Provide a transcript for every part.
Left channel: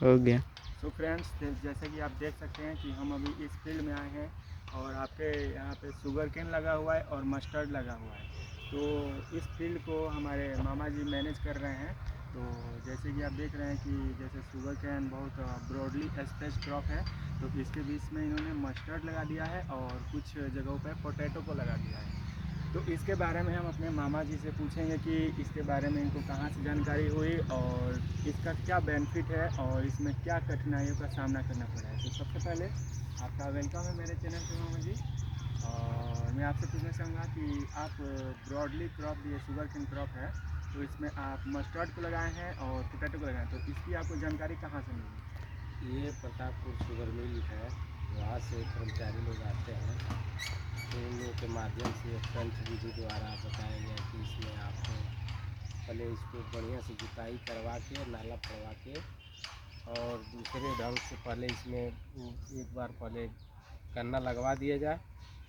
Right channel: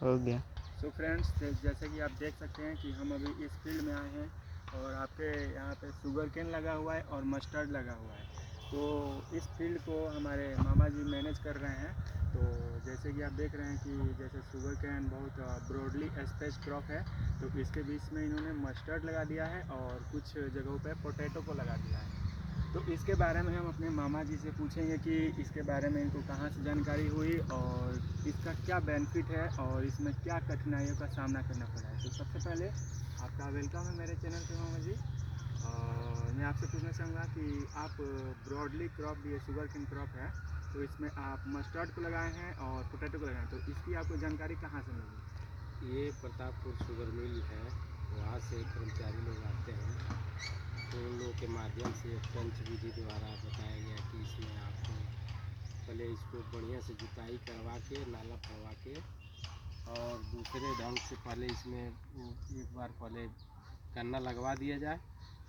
हो गया। So friends, जैसे कि आप देख सकते हैं कि हम अभी इस फील्ड में आए हैं और आपके यहाँ पे शुगर केन लगा हुआ है और मस्टर्ड लगा हुआ है। तो इस फील्ड को हमारे मामा जी मैनेज कर रहे हैं। तो जैसे कि आप देख रहे हैं कि जैसे शुगर केन बहुत ब्रॉडली स्पेस क्रॉप है, तो इसके बीच में इन्होंने मस्टर्ड लगा दिया है और कुछ जगहों पर पोटैटो को लगा दिया है। तो इसके बारे में हम अपने मामा जी से पूछेंगे कि इसके बारे में इनको कहाँ से जानकारी हुई और इसका क्या बेनिफिट है और इसमें क्या कठिनाइयों का सामना करना पड़ा है। तो सबसे पहले आपका वेलकम है मेरे चैनल पे मामा जी। और मैं आपसे पूछना चाहूँगा कि आप ब्रॉडली क्रॉप, ये शुगर केन क्रॉप है, तो इसमें आप मस्टर्ड को लगाए हैं और पोटैटो को लगाए हैं, तो इसकी आपको जानकारी कहाँ से मिली? ये प्रतापपुर शुगर मिल है, वहाँ से कर्मचारी लोग आते हैं, तो उन लोगों के माध्यम से पंच विधि द्वारा बताया गया कि इसमें आप पहले इसको बढ़िया से जुताई करवा के, नाला पड़वा के और दूसरे ढंग से पहले इसमें एक बार पहले गन्ना लगवा दिया जाए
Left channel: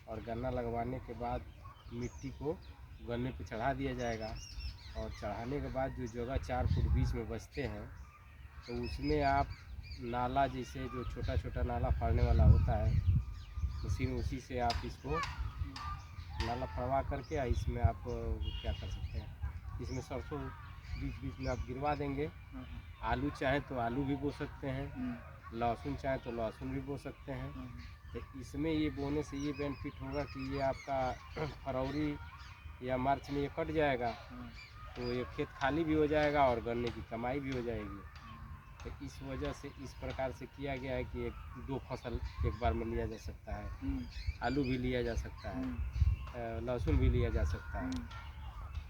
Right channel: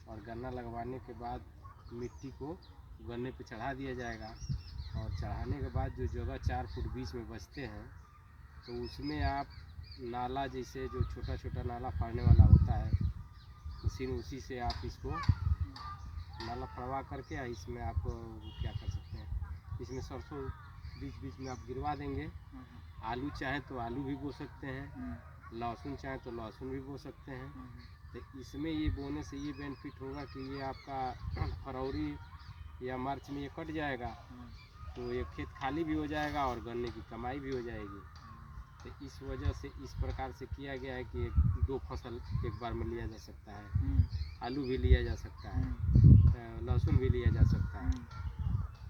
और गन्ना लगवाने के बाद मिट्टी को गन्ने पे चढ़ा दिया जाएगा। और चढ़ाने के बाद जो जगह 4 फुट बीच में बचते हैं, तो उसमें आप नाला, जैसे जो छोटा छोटा नाला फाड़ने वाला होता है मशीन, उसी से आप इसको नाला फड़वा करके इसमें आप क्या कर सकते हैं, इसमें सरसों बीच बीच में आप गिरवा देंगे। आलू चाहें तो आलू भी बो सकते हैं, लहसुन चाहें तो लहसुन भी बो सकते हैं। तो इसमें ये बोने से ये बेनिफिट होगा कि ये आपका फरवरी या मार्च में ये कट जाएगा, तो ये खेत खाली भी हो जाएगा और गन्ने की कमाई भी हो जाएगी। तो इस वजह से इस प्रकार से किया गया है कि 2 फसल एक बार में लिया जा सकता है। आलू भी लिया जा सकता है, लहसुन भी लिया जा सकता है।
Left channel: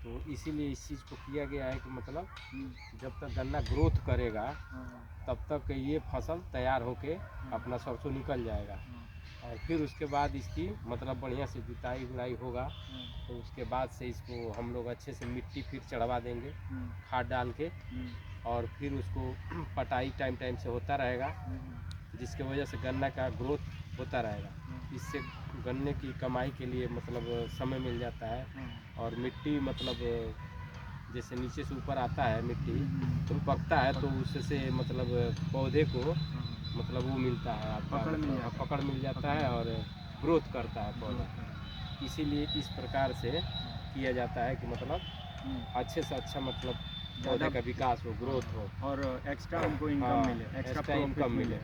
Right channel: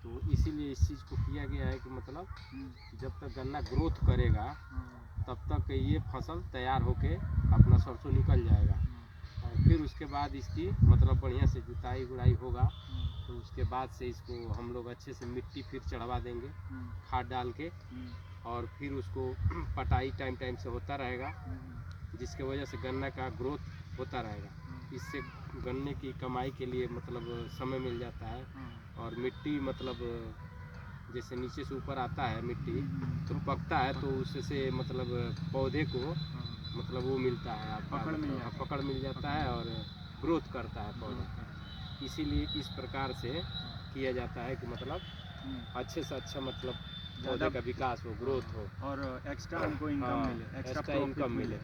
तो इसीलिए इस चीज़ को किया गया है कि मतलब जब तक गन्ना ग्रोथ करेगा तब तक ये फसल तैयार होके अपना सरसों निकल जाएगा। और फिर उसके बाद इसकी मतलब बढ़िया से जुताई गुड़ाई होगा, तो उसके बाद से इसको हम लोग अच्छे से मिट्टी फिर चढ़वा देंगे खाद डाल के, और फिर उसको पटाई टाइम टाइम से होता रहेगा, जिसके वजह से गन्ना का ग्रोथ होता रहेगा। इससे गन्ने की कमाई के लिए मतलब समय मिल जाता है। और मिट्टी मतलब जैसे नीचे से ऊपर आता है मिट्टी तो पकता है, तो उससे मतलब पौधे को मतलब वो मिलता है, आपका पकड़ मिल जाता है और ग्रोथ करता है पौधा। इसीलिए इस प्रकार से किया जाता है कि मतलब अच्छे से अच्छा मतलब पौधे का विकास हो, ग्रोथ हो और एक्स्ट्रा हमको इनकम मिले, एक्स्ट्रा इनकम मिले।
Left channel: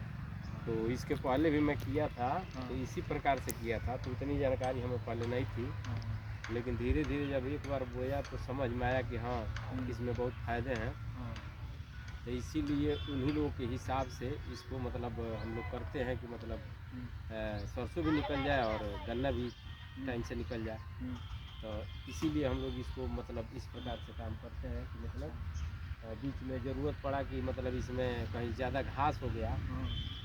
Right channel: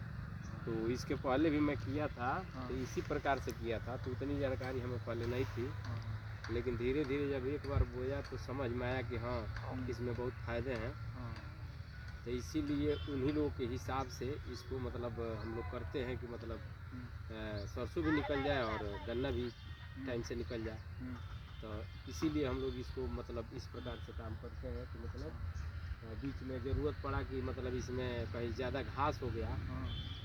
तो इसके पहले भी मैं किया था, तो इसी प्रकार से किया था, तो उतनी जानकारी हमें पहले नहीं थी। लेकिन धीरे धीरे जब एक बार बोया तो समझ में आया कि हाँ इसमें बहुत फ़ायदे हैं। तो इसीलिए उन्हीं लोगों के हिसाब से इसको मतलब हम लोग करते हैं कि मतलब सरसों भी निकल जाए और गन्ना भी टाइम से निकल जाए। तो इसीलिए हम लोग इसको मतलब इस प्रकार से काम करते हैं कि मतलब बीच में ज़रूरत पड़ा कि मतलब इसमें कहीं ज़्यादा घास हो गया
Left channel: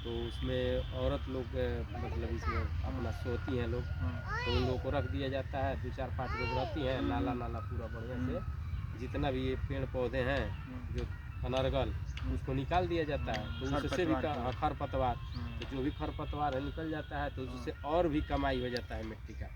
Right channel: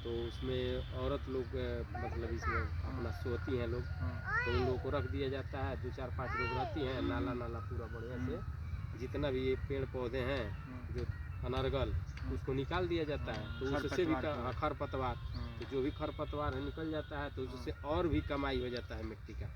तो उसमें औरत लोग मतलब इसमें अपना सोती हैं लोग, तो उन लोगों को रख दिया जाता है। 2-4-5 लोग रहती हैं, नाला नाला पूरा बढ़िया से जितना भी ये पेड़ पौधे हैं जो अनर्गल उसको निकाल दिया जाता है। तो उससे भी खरपतवार, तो जो भी खरपतवार है निकल जाता है, तो उससे और भी कमाई हो जाता है मिट्टी का,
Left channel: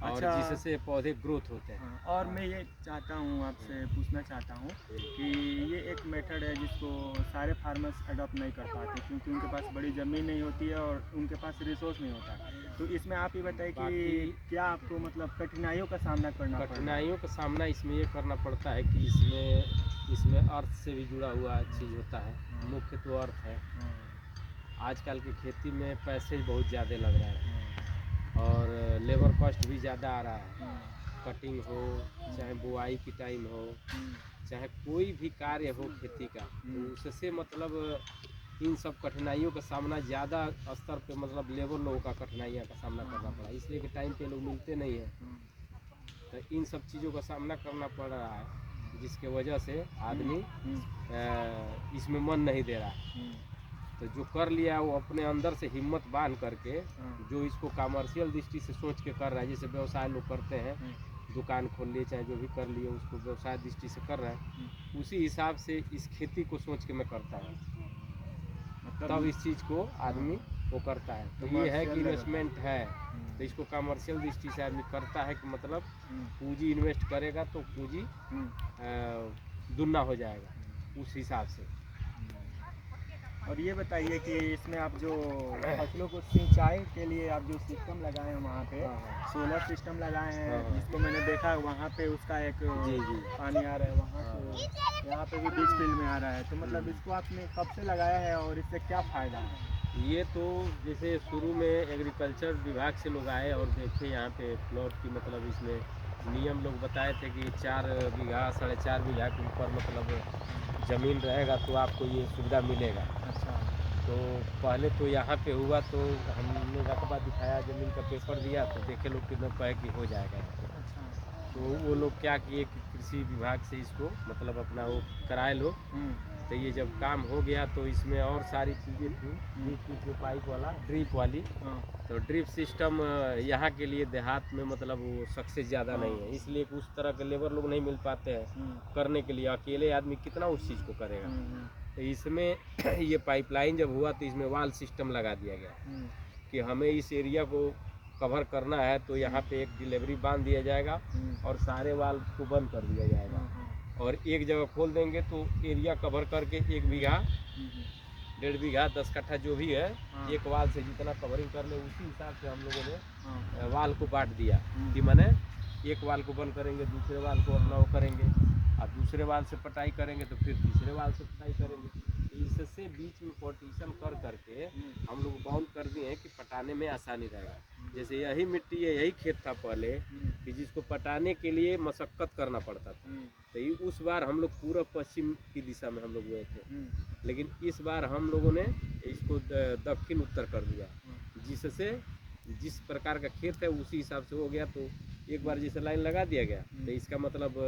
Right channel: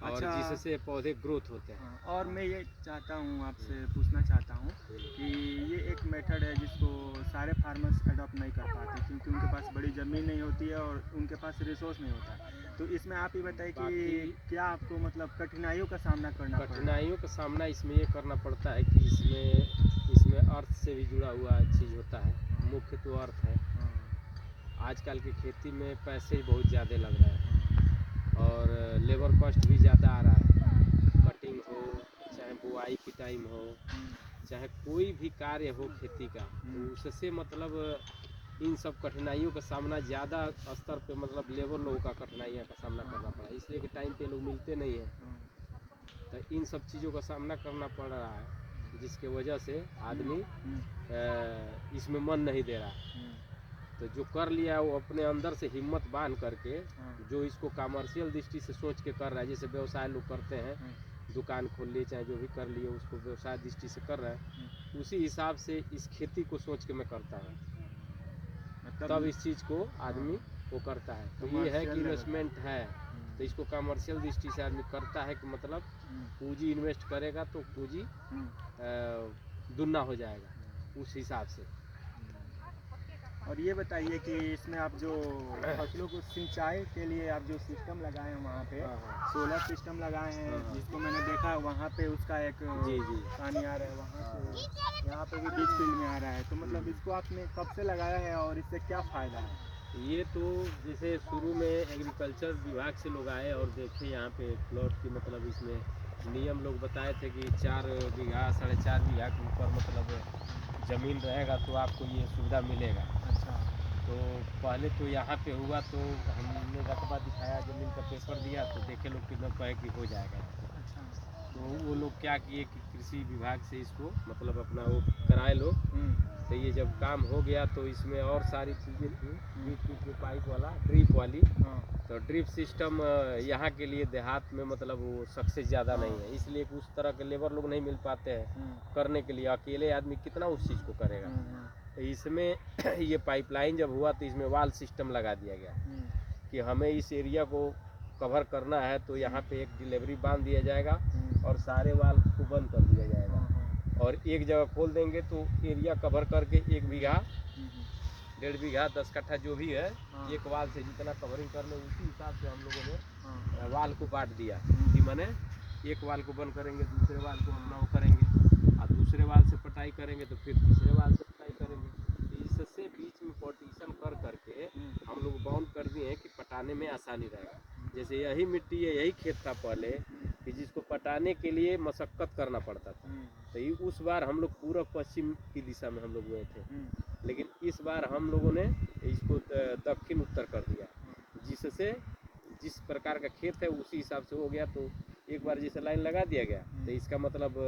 और जिससे पौधे ग्रोथ होते हैं। और मैं ये चाहता हूँ, आपसे पूछना चाहता हूँ कि ये एक मेथड है जिसको सारे फार्मर्स अडॉप्ट नहीं कर पाते क्योंकि उनके पास बड़ी ज़मीन नहीं होती है और उनके पास रिसोर्स नहीं होता है। तो इसमें आप ही बताइए कि क्या आपको मतलब कठिनाइयों का सामना करना पड़ता है? कठिनाइयों का सामना इसमें ये करना पड़ता है कि इसमें अर्थ से भी जुड़ा हुआ चीज़ होता है। मुख्य तो अर्थ है। आजकल की खेती में पैसे बहुत ज़्यादा लग रहा है और लेबर कॉस्ट भी ज़्यादा आ रहा है। कटिंग हो चाहे बुआई पिटाई में हो, चाहे कोई भी कार्य हो खेती का, तो उससे मतलब इन सब कठिनाइयों का सामना ज़्यादा स्तर पे मतलब लेबर लोगों का कठिनाइयों का सामना करना पड़ा, इसलिए कि टाइम पे लोग मिलते नहीं हैं। तो इन सब चीज़ों का सामना करना पड़ रहा है, जिसके वजह से आदमी इसमें मन नहीं दे रहा। तो जो कर लिया वो अपने अंदर से हिम्मत बांध करके जो इसको कमर्शियल दृष्टि से सोच के कर रहा है, जैसे व्यवसाय लोग करते हैं, दुकान खोल लिए चाहे जो भी कर लिए उसको व्यवसाय दृष्टि से कर रहा है, उसी हिसाब से इस खेती को सोच के मैं करता हूँ, तब इस चीज़ को आदमी वो करता है। तो ये है कि इन्वेस्टमेंट है, तो इसको कमर्शियल दृष्टि से आदमी करता है कि मतलब पूंजी इन्वेस्ट करेगा तो पूंजी दुगना हो जाएगा उस हिसाब से। और ये बताइए कि इसमें आप जो फसलों को सिंचाई के लिए आप जो सिस्टम लगाए हैं वहाँ पे हाँ सोलर सिस्टम लगाए हैं, हाँ जिसको मैंने देखा है वहाँ पे उसका एक जी जी पानी आ रहा है वहाँ से यहाँ पे भी बीच फील्ड में आ रहा है। तो मतलब इसको आपने कब से लगाया है और इससे क्या फ़ायदा है? ये तो जैसे शुरू में एग्रीकल्चर विभाग से लोग आए और देखे यहाँ पे प्लॉट की, मतलब इसमें नियम लोग बताए थे कि 4 बीघा 4.5 बीघा के ऊपर मतलब ज़मीन रहेगा तो आपको ये सुविधा मिलेगा। अच्छा। तो पहले तो यहाँ पे हुआ तो हमने रकबा दिखाया, ज़मीन का पेपर दिया तो देखे लोग कितना कहे कि हो जाएगा यहाँ पे। अच्छा। तो वो लोग क्या किए कि कृषि विभाग से इसको मतलब अपना वो कराए लो। तो ये जब काम हो गया तो इसमें और सारी चीज़ें थी, बीच में पाइप वाला ड्रिप वाली। हाँ। तो ड्रिप सिस्टम यहाँ के लिए देहात में मतलब वो सक्सेस ज़्यादा नहीं है, इसलिए कि उस तरह के लेबर लोग नहीं मिल पाते हैं करने के लिए। अकेले आदमी कितना उस चीज़ को करेगा। तो इसमें ये पाइपलाइन जब हुआ तो इसमें वाल सिस्टम लगा दिया गया कि हमें इस एरिया को कवर करना है तो यहाँ पे एक डिलीवरी बांध दिया जाएगा और सारे वाल को बंद कर दिया जाएगा और एक जगह खोल देंगे तो एरिया कवर करके 1 बीघा 1.5 बीघा 10 कट्ठा जो भी है एक वाल से जितना कवरिंग कर ले उसी हिसाब से हम लोगों ने वाल को बांट दिया कि मैंने एक वाल को बंद करेंगे, दूसरे वाल को अपना वो करेंगे और दूसरे वाल से पटाई करेंगे तो फिर तीसरे वाल से पटाई करेंगे। इससे बीच में पार्टीशन कर करके हम लोग बाउंड कर दिए हैं कि पटाने में आसानी रहेगा। जैसे यही मिट्टी है, यही खेत था पहले कि जिसको पटाने के लिए मशक्कत करना पड़ता था। तो ये उस बार हम लोग पूर्व पश्चिम की दिशा में हम लोग गए थे, लेकिन इस बार हम लोगों ने इसको दक्षिण उत्तर कर दिया, जिससे जिस प्रकार का खेत है उसी हिसाब से हो गया। तो एक बार जैसे लाइन लगा दिया गया तो इसका मतलब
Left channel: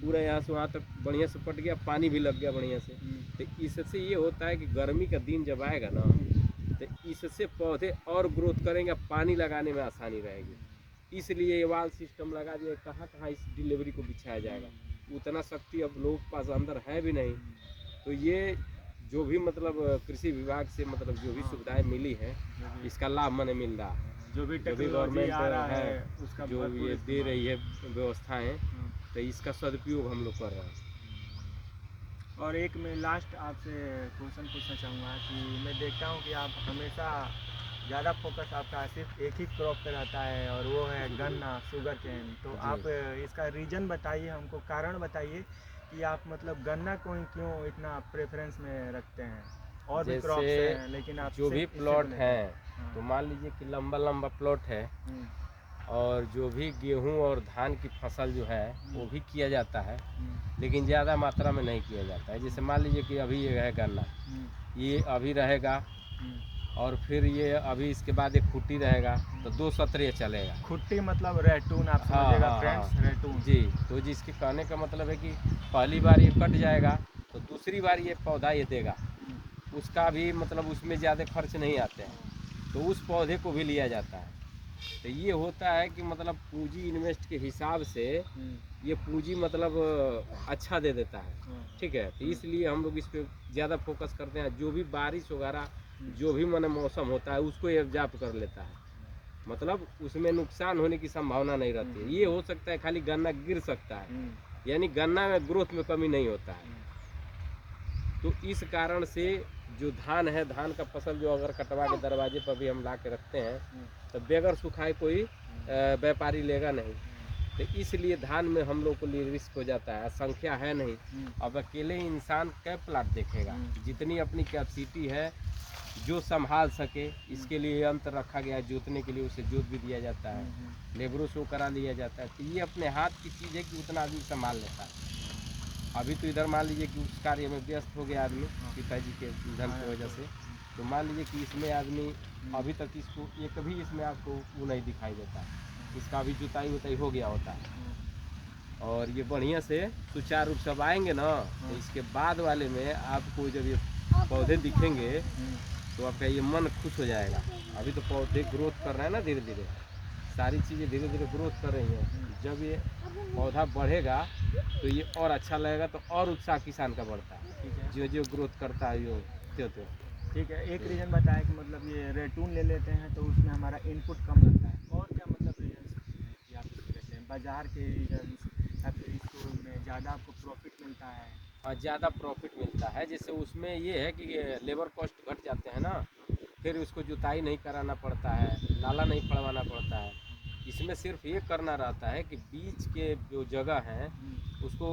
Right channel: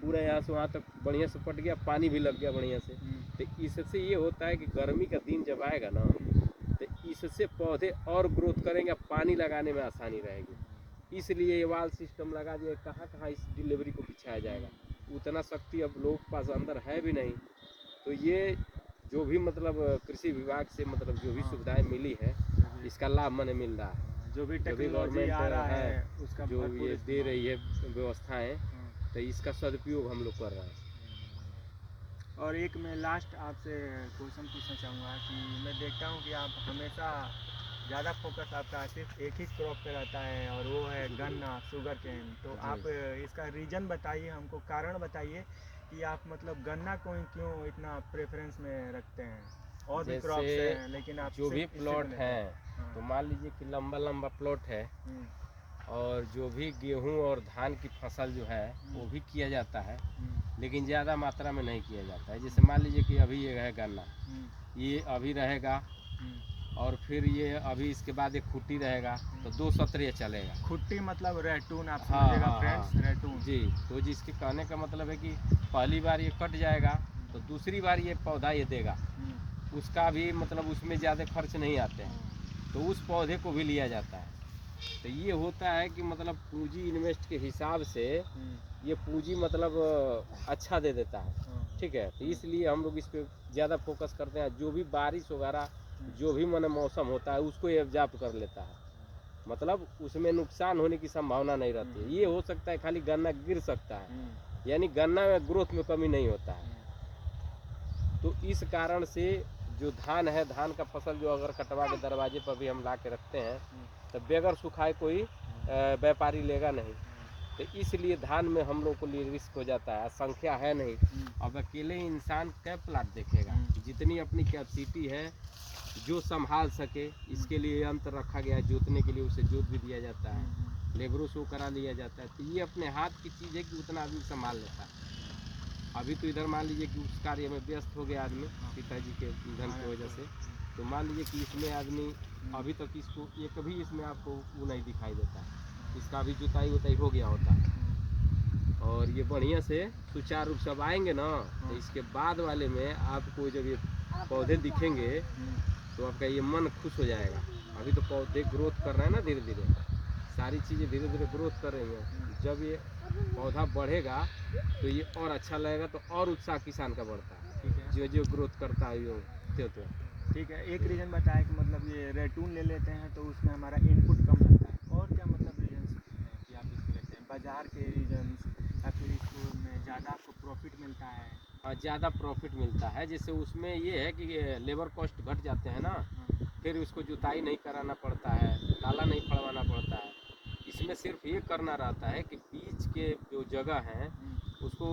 पूरा यहाँ से वहाँ तक बढ़िया से पट गया, पानी भी लग गया बढ़िया से। तो इससे ये होता है कि गर्मी का दिन जब आएगा ना तो इससे पौधे और ग्रोथ करेंगे, पानी लगाने में आसानी रहेगी। इसलिए ये वाल सिस्टम लगा दिया। कहाँ कहाँ इस डिलीवरी को बिछाया जाएगा, उतना शक्ति अब लोगों के पास अंदर है भी नहीं। तो ये जो भी मतलब कृषि विभाग से मतलब जो भी सुविधाएं मिली है इसका लाभ मैंने मिल रहा है। जो भी गवर्नमेंट आ रहा है उसका जो ये दे रही है व्यवस्थाएं, तो इसका सदुपयोग हम लोग कर रहे हैं। और एक मैं लास्ट आपसे क्वेश्चन पूछना चाहूँगा कि मैं देखता हूँ कि आप हमेशा ज़्यादा फोकस आपका सिर्फ एक ही क्रॉप पे रहता है और वो है गन्ना, शुगर केन। तो आप इसका रीज़न बताइए, हमको कारण बताइए कि आप मतलब गन्ना को ही क्यों इतना प्रेफरेंस में रखते हैं। और भी क्रॉप्स हैं लेकिन आप जो भी प्लॉट है तो मान लीजिए कि लंबा लंबा प्लॉट है और जो भी गेहूं और धान की फसल जो है वो भी किया जाता है, लेकिन ज़्यादा मात्रा में नहीं किया जाता है। जैसे मान लीजिए कि अभी ये है गन्ना, ये अभी रहेगा और फिर ये अभी इसके बाद एक खुट्टी रहेगा तो 2 सत्र ये चलेगा। खुट्टी मतलब रैटून, आप समझिएगा फ्रेंड्स, रैटून जी। तो जिसके कहने का मतलब है कि पहली बार ये कट जाएगा तो दूसरी बार ये पौधा ये देगा, उसका भी मतलब उसमें ज़्यादा खर्च नहीं आते हैं, तो उस पौधे को भी लिया जाता है। तो ये होता है कि मतलब पूंजी इन्वेस्ट के हिसाब से ये पूंजी मतलब अच्छा दे देता है, ठीक है। तो इसलिए हम लोग इस पर ज़्यादा फोकस करते हैं। जो भी बारिश वगैरह जो भी मन मौसम होता है उसको ये एब्जॉर्ब कर लेता है, मतलब उसमें नुकसान होने की संभावना नहीं रहती है। ये हो सकता है खाली गन्ना गिर सकता है, यानी गन्ना में ग्रोथ में कमी नहीं होता है। तो इस कारण से जो धान है, धान का फसल जो अगर कटवा के दरवाजे पर भी हम ला के रखते हैं तो बगैर सुखाए कोई व्यापारी लेगा नहीं। तो इसलिए धान में हम लोग को लिए रिस्क हो जाता है, संख्या है नहीं। अब अकेले इंसान कै प्लाट देखेगा, जितनी अपनी कैपेसिटी है जो संभाल सके इसके लिए यंत्र रखा गया है, जोतने के लिए उसे जोत भी दिया जाता है, लेबरों से करा लिया जाता है। तो ये अपने हाथ की चीज़ है कि उतना आदमी संभाल लेता है। अभी तो इधर मान लीजिए कि उस कार्य में व्यस्त हो गया आदमी पिताजी के निधन की वजह से, तो मान लीजिए कि इसमें आदमी अभी तक इसको एक भी इसमें आपको वो नहीं दिखाई देता है, इसका भी जुताई उताई हो गया होता है। और ये बढ़िया से सुचारू रूप से आएंगे ना तो इसके बाद वाले में आपको जब ये पौधे दिखेंगे तो आपका ये मन खुश हो जाएगा। अभी तो पौधे ग्रोथ कर रहे हैं ना, धीरे धीरे सारी चीज़ें धीरे धीरे ग्रोथ कर रही हैं। जब ये पौधा बढ़ेगा तो ये और अच्छा लगेगा, तो और उत्साह किसान का बढ़ता है। ठीक है, जो जो ग्रोथ करता है यो तो ठीक है। एक रीज़न बताया कि मतलब ये रेटून ले लेते हैं तो उसमें हमारा इनपुट कम लगता है। और क्या मतलब रीजन हैं कि आप इसके लेते हैं? बाज़ार के रीजन या फिर इसको में ज़्यादा आपको प्रॉफिट मिलता है? हाँ, ज़्यादा प्रॉफिट मिलता है। जैसे उसमें ये है कि लेबर कॉस्ट घट जाते हैं ना, फिर उसको जुताई नहीं कराना पड़ता है, नाला नहीं फड़वाना पड़ता है। इसमें सिर्फ ये करना रहता है कि बीच के जो जगह हैं उसको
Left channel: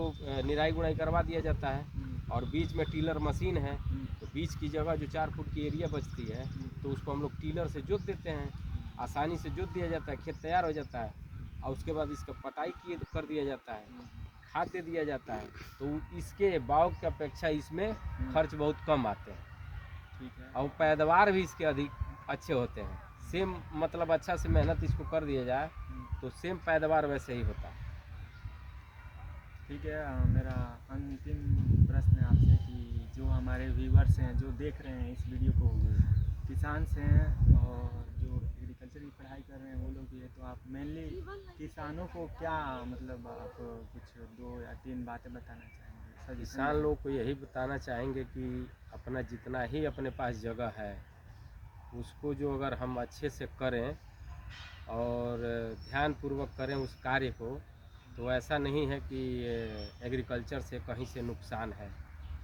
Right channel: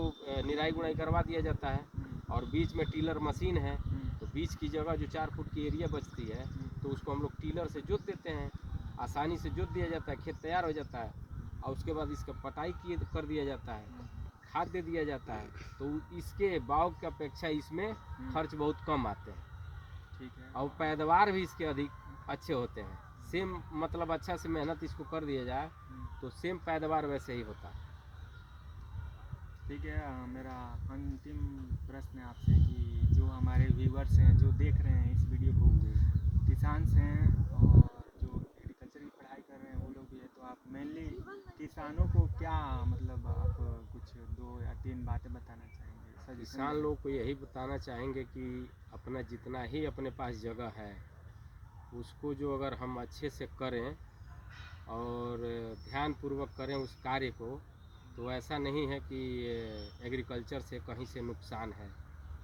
निराई गुड़ाई करवा दिया जाता है, और बीच में टीलर मशीन है, तो बीच की जगह जो 4 फुट की एरिया बचती है तो उसको हम लोग टीलर से जोत देते हैं, आसानी से जोत दिया जाता है, खेत तैयार हो जाता है, और उसके बाद इसका पटाई कर दिया जाता है, खाद दे दिया जाता है। तो इसके बाव की अपेक्षा इसमें खर्च बहुत कम आते हैं, ठीक है। और पैदावार भी इसके अधिक अच्छे होते हैं। सेम मतलब अच्छा से मेहनत इसको कर दिया जाए तो सेम पैदावार वैसे ही होता है। ठीक है। मेरा अंतिम प्रश्न है आपसे कि जो हमारे व्यूवर्स हैं जो देख रहे हैं इस वीडियो को, किसान से हैं और जो एग्रीकल्चर की पढ़ाई कर रहे हैं वो लोग भी है, तो आप मेनली किसानों को क्या मतलब आप कुछ 2 या 3 बातें बताना चाहेंगे, सजेशन किसान देंगे? लोग को यही बताना चाहेंगे कि अपना जितना ही अपने पास जगह है उसको जो अगर हम अच्छे से करें और ध्यानपूर्वक करें उस कार्य को, तो ऐसा नहीं है कि एग्रीकल्चर से कहीं से नुकसान है,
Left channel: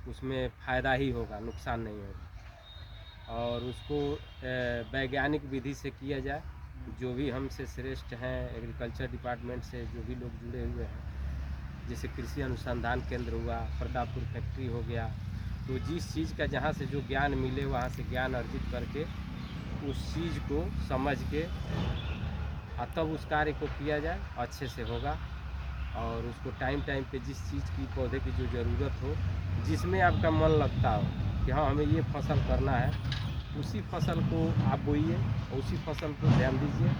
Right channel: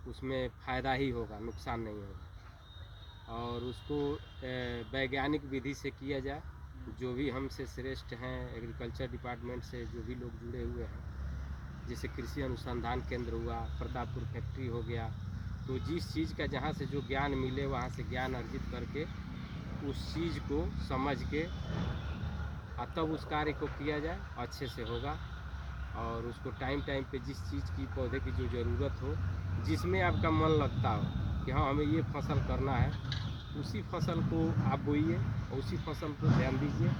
उसमें फ़ायदा ही होगा, नुकसान नहीं होगा। और उसको वैज्ञानिक विधि से किया जाए। जो भी हमसे श्रेष्ठ हैं एग्रीकल्चर डिपार्टमेंट से जो भी लोग जुड़े हुए हैं, जैसे कृषि अनुसंधान केंद्र हुआ, प्रतापपुर फैक्ट्री हो गया, तो जिस चीज़ का जहाँ से जो ज्ञान मिले वहाँ से ज्ञान अर्जित करके उस चीज़ को समझ के तब उस कार्य को किया जाए, अच्छे से होगा। और उसको टाइम टाइम पे जिस चीज़ की पौधे की जो ज़रूरत हो, जिसमें आपका मन लगता हो कि हाँ हमें ये फसल करना है, उसी फसल को आप बोइए और उसी फसल को ध्यान दीजिए।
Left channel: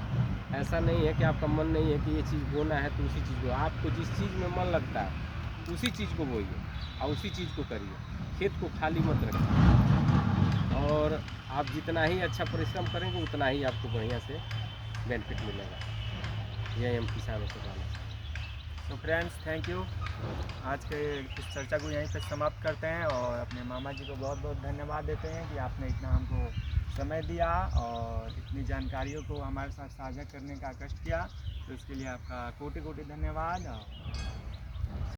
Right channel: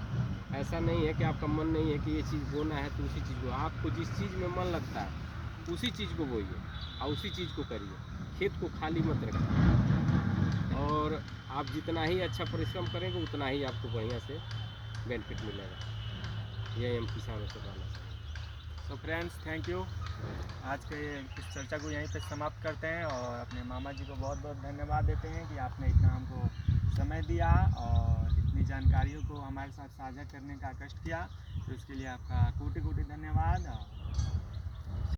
ऐसा नहीं है कि आपका मन नहीं है कि ये चीज़ बोना है तो उसी चीज़ को, आपको जिस चीज़ में मन लगता है उसी चीज़ को बोइए और उसी चीज़ को करिए, खेत को खाली मत रखिए। और आप जितना ही अच्छा परिश्रम करेंगे उतना ही आपको बढ़िया से बेनिफिट मिलेगा। यही हम किसानों से कहना चाहते हैं। तो फ्रेंड्स, थैंक यू। आज के इस चर्चा को यहीं पे समाप्त करते हैं और अपने मामा जी को बहुत बहुत धन्यवाद देते हैं कि आपने इतना हमको समय दिया और इतनी जानकारियों को हमारे साथ साझा करने का कष्ट किया, तो इसके लिए आपका कोटि कोटि धन्यवाद।